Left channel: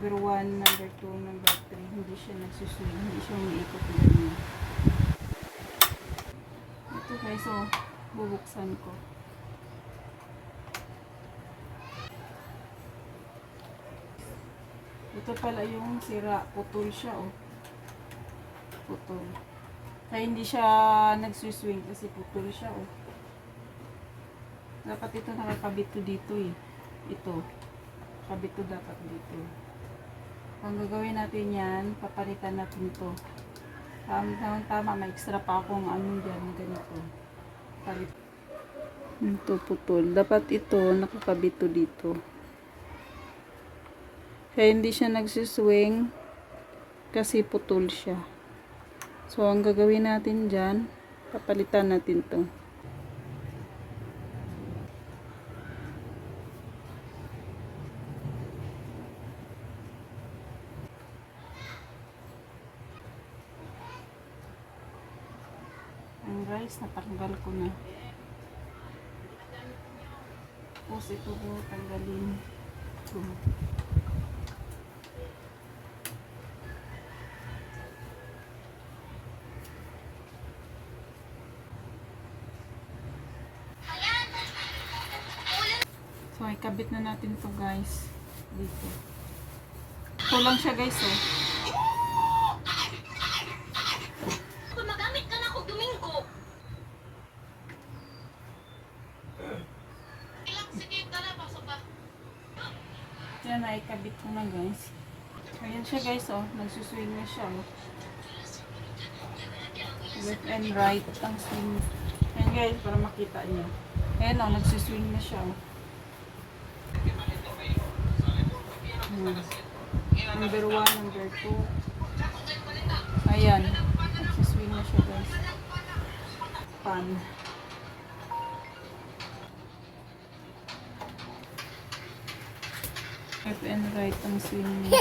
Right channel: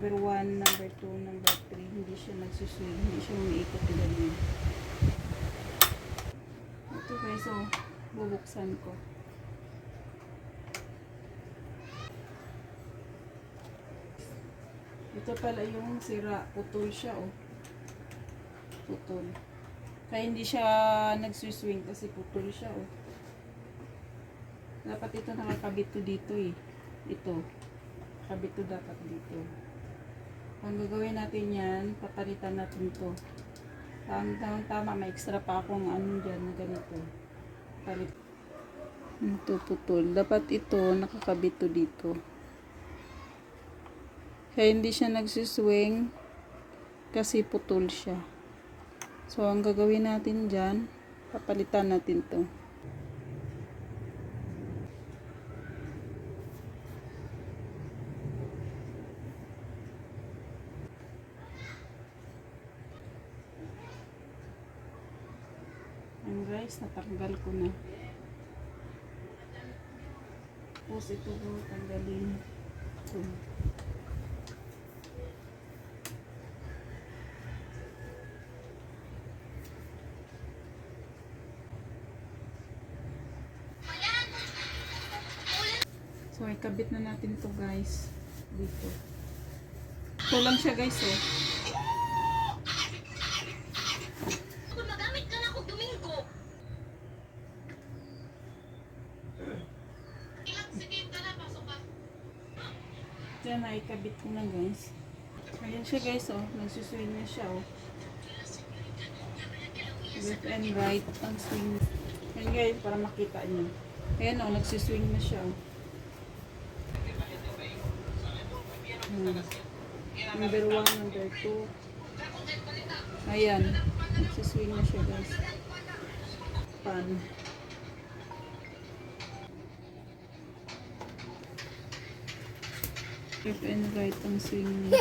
Number 1, number 2, number 3, hindi siya nagsuswing, hindi siya umiikot ganyan. Ito guys, so, bubuksan ko. Ito pala yung sira, putol siya oh. Putol. Kaya hindi siya nagsuswing kasi putol siya oh. Dapat ito nakakabit to dito eh. Ito. Kabit to dapat dito. Ang gagawin natin yan, papalitan natin to. Tama, tama, tama, may extra pa akong ano dyan, ganito. Palit. Ito putol. Dapat ito, nakakabit to dito. Kaya hindi siya nagsiswing kasi putol siya. So, ang gagawin natin dyan, papalitan natin to. Ang guys, natanggal ko na. Tapos ito po, tanggalin. Ito. So, ikabit na natin to guys. Dito. Ito lang siya guys, oh. Yan ay kabit ko na guys. Ayan siya guys oh. Nagsuswing na siya oh. Left and right ang swing. Ayan guys para makita nyo. Ayan oh. Nagsuswing na siya oh. Hmm. Number 1, number 2. Ayan. Nagsuswing na siya guys. Pan. Left and right ang swing niya.